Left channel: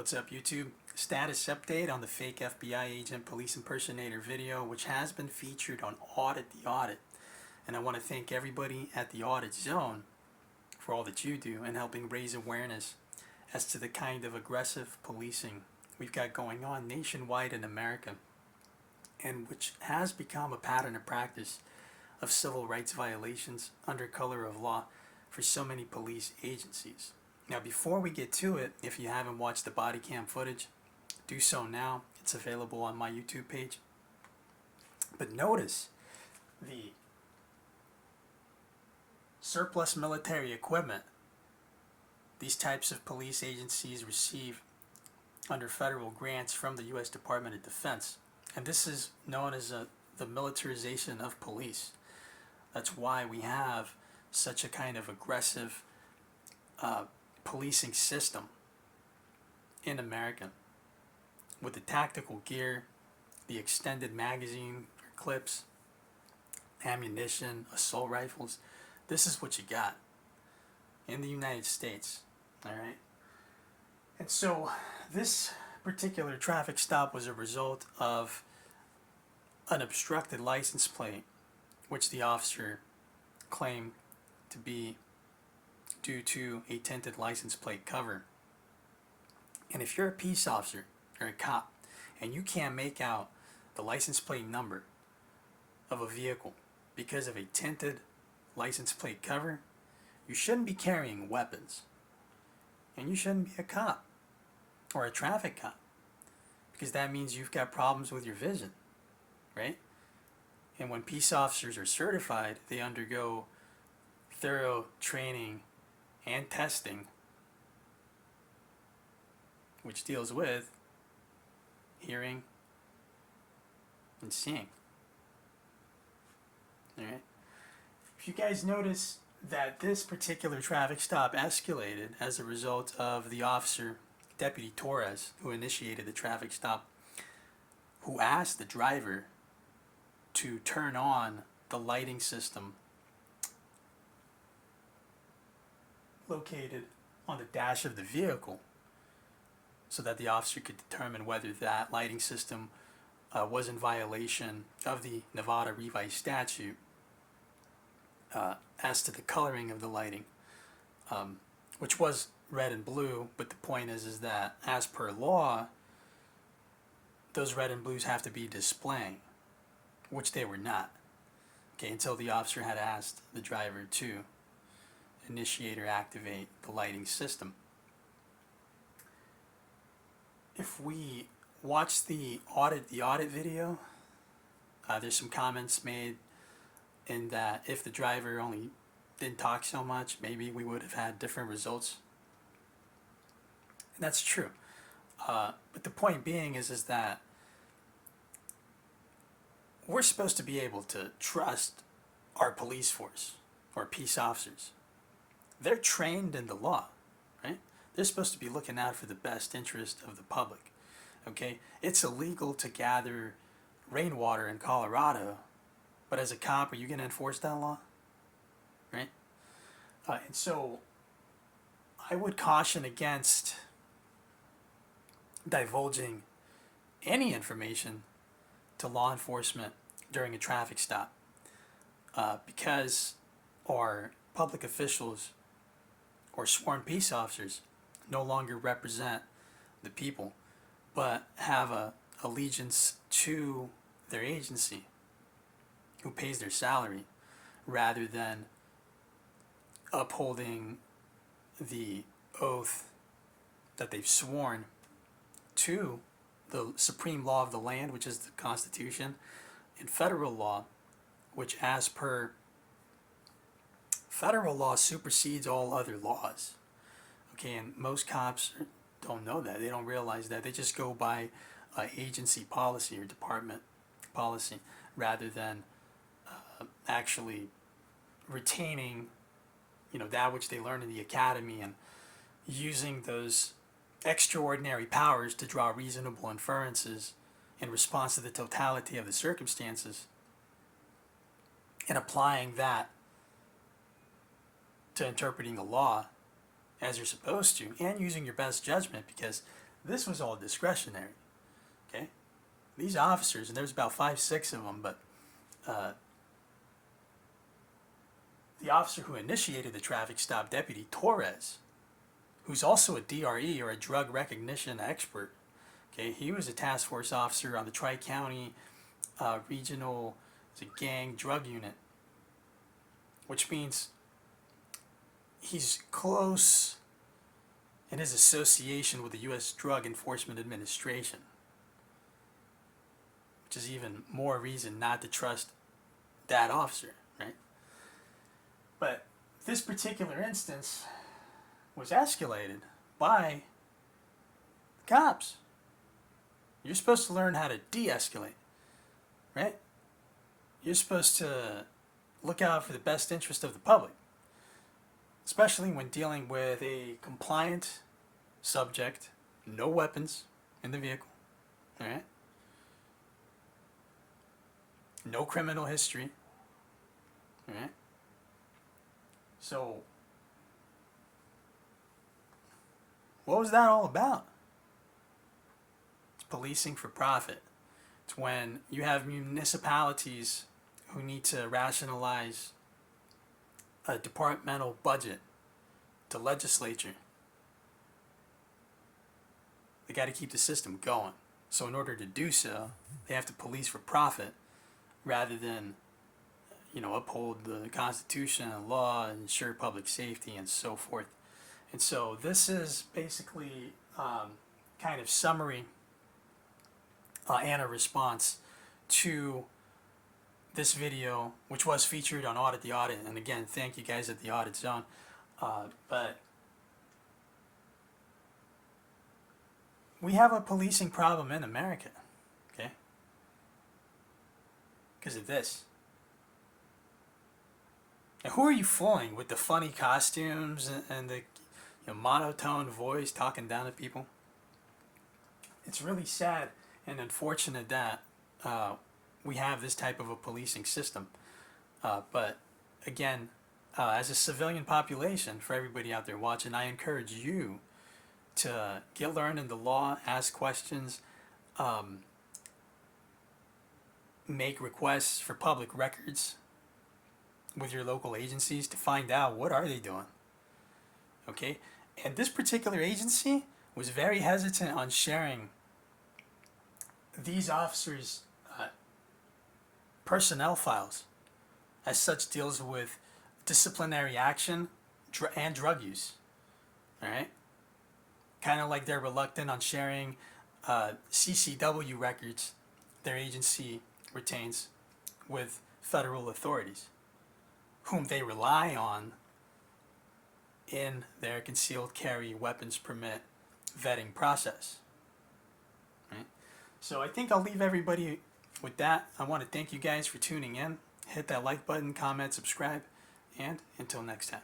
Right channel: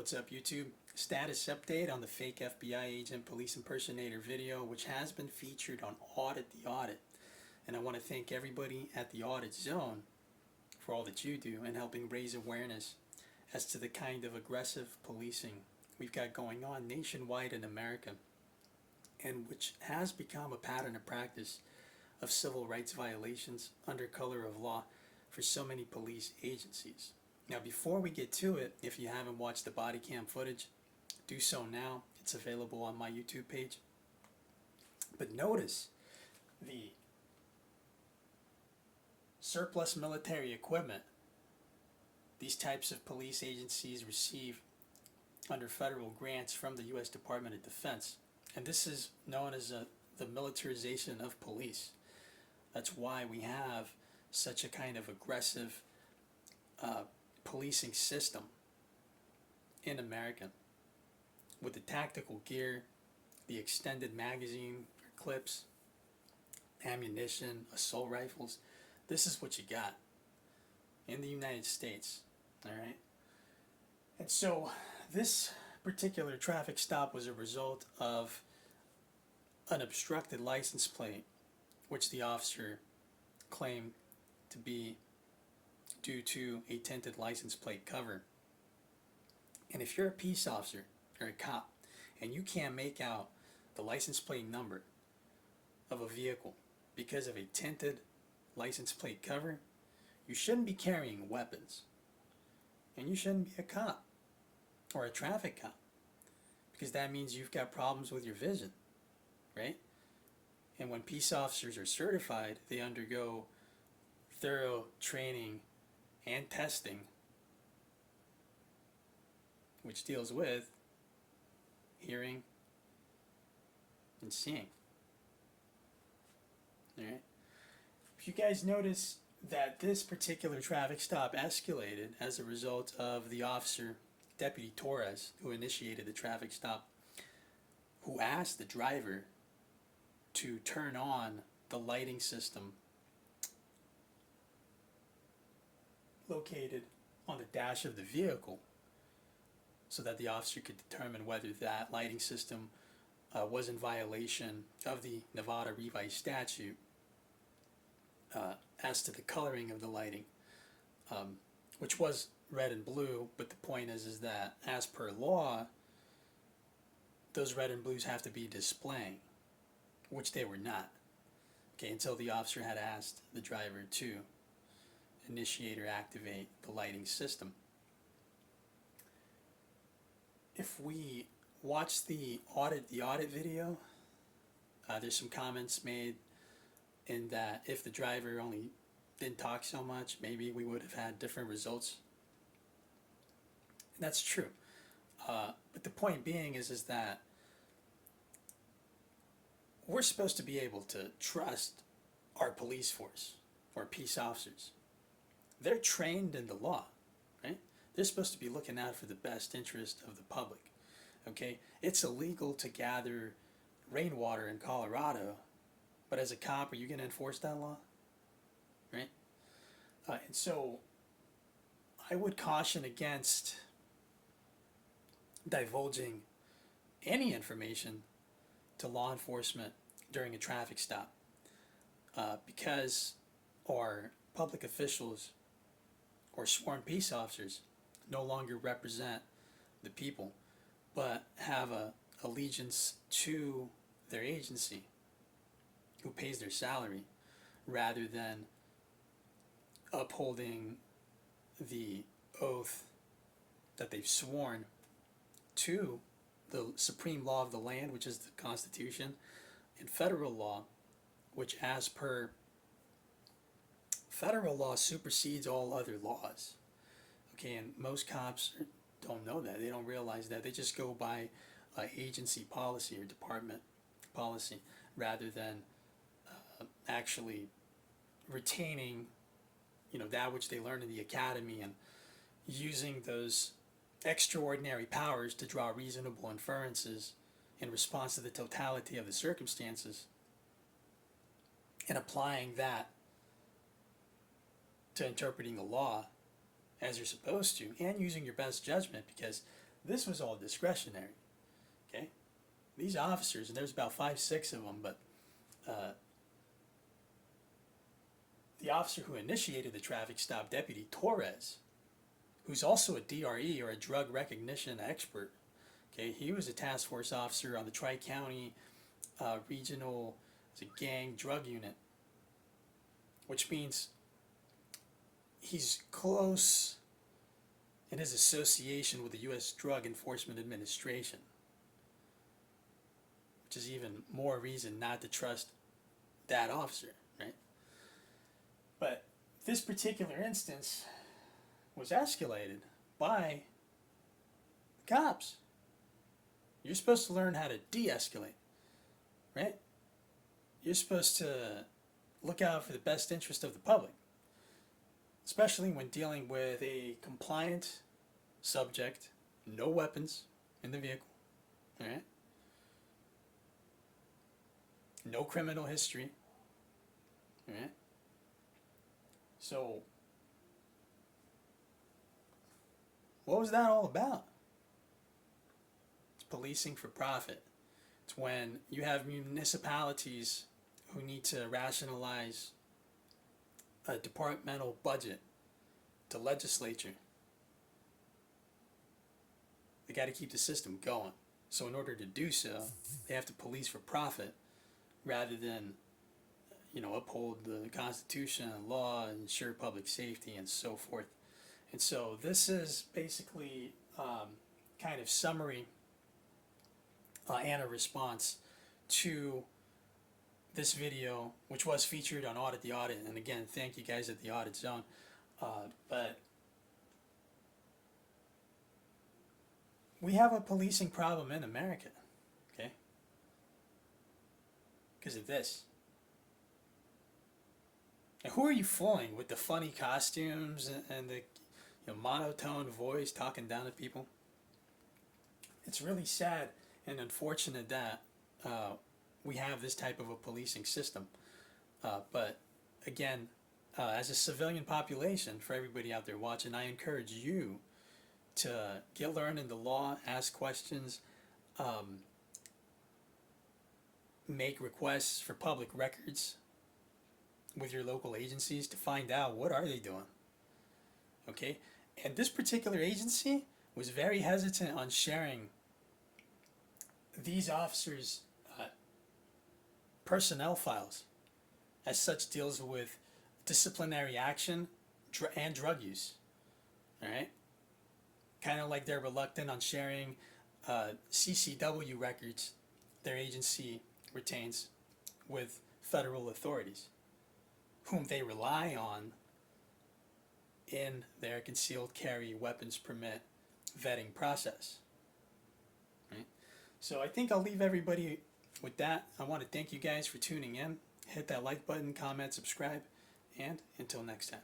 What's up, YouTube? Status update on the fake FBI agent police impersonator video, which has been featured on Audit the Audit. And I want to thank everybody at the Audit Zone for all that you do in helping raise awareness as to the kind of aggressive policing we've got going on nationwide in America, and which has become a pattern of practice of civil rights violations under color of law for so many police agencies. Now, before we get to it, if you haven't watched the body cam footage, do so now. It's available on my YouTube page. But notice the surplus military equipment these types of police agencies receive under federal grants from the U.S. Department of Defense. And this is known as the militarization of police. That's why we have such a kind of aggressive policing system in America, with the tactical gear, the extended magazine clips, ammunition, assault rifles. This is what you got in the United States. All right. And so this particular traffic stop was a result of an obstructed license plate, which the officer claimed to be due to a tinted license plate cover. And if you're a peace officer or a cop and you can't make out the license plate number of a vehicle because of a tinted license plate cover, you shouldn't be carrying weapons. And you shouldn't be a cop or a traffic cop, because that means you've got problems with your vision, right? And when peace officers are certified, they undergo thorough training and testing, which deals with hearing and seeing. All right. If you guys notice that this particular traffic stop escalated as a result of the officer, Deputy Torres, who initiated the traffic stop, who asked the driver to turn on the lighting system located on the dash of the vehicle, so that the officer could determine whether that lighting system was in violation of the Nevada revised statute as to the coloring of the lighting, which was red and blue. But the point is that as per law, those red and blues have to be displaying, which they were not. Okay, until the officer had asked the driver to initiate or activate the lighting system. If we watch the audit video, there's some comments made in that if the driver only didn't talk so much, maybe we would have had different results. And that's true. But the point being is that we're supposed to be able to trust our police force or peace officers. They're trained in the law, right? They're supposed to be looking out for the best interest of the public. Okay? It's illegal to gather rainwater in Colorado, but as a cop, are you going to enforce that law? Right? And so I would caution against divulging any information to law enforcement during a traffic stop, because our public officials or sworn peace officers no longer represent the people, but have a allegiance to their agency, who pays their salary, rather than upholding the oath that they've sworn to the supreme law of the land, which is the Constitution, and federal law, which as per federal law supersedes all other laws. Okay, and most cops don't know that. They don't realize that. They just go by agency policy or department policy, rather than actually retaining, that which they learn in the academy, and using those extraordinary powers to draw reasonable inferences in response to the totality of the circumstances, and applying that to interpreting the law as you're supposed to, and using your best judgment, because This was all discretionary. Okay, these officers, and there's about 5, 6 of them, but the officer who initiated the traffic stop, Deputy Torres, who's also a DRE or a drug recognition expert. Okay, he was a task force officer on the Tri-County Regional Gang Drug Unit, which means he's close in his association with the U.S. Drug Enforcement Administration, which is even more reason not to trust that officer, right? But this particular instance was escalated by the cops. You're supposed to learn how to de-escalate, right? You're supposed to look out for the best interest of the public, especially when dealing with a compliant subject, no weapons in the vehicle, all right? No criminal history, all right? So, what was that all about? It's policing for profit. It's when you have municipalities who need to rationalize a departmental budget to legislature. They got to keep the system going. So in order to do so, they have to police for profit rather than, uphold the Constitution and law and ensure public safety and so forth. And so this is basically kind of summary and a response to this video, which was featured on Audit the Audit. And again, thank you guys at the Audit Zone. But we have a policing problem in America, okay? Because of this. Now, who are you fooling with the funny costumes and the monotone voice talking down at people? It's really sad and unfortunate that we have this type of a policing system. But again, as a civilian population, for everybody out there watching, I encourage you to get learned in the law, ask questions, make requests for public records with your local agencies to find out what are they doing. Okay? And this particular agency was very hesitant on sharing these officers' personnel files. As such, deals with disciplinary action and drug use. All right? Kind of like they're reluctant on sharing CCW records their agency retains with federal authorities, whom they rely on in their concealed carry weapons permit vetting process. Right? So I think I'll leave everybody with that. I want to thank you guys for tuning in. Hit that like button, comment, subscribe, and until next time.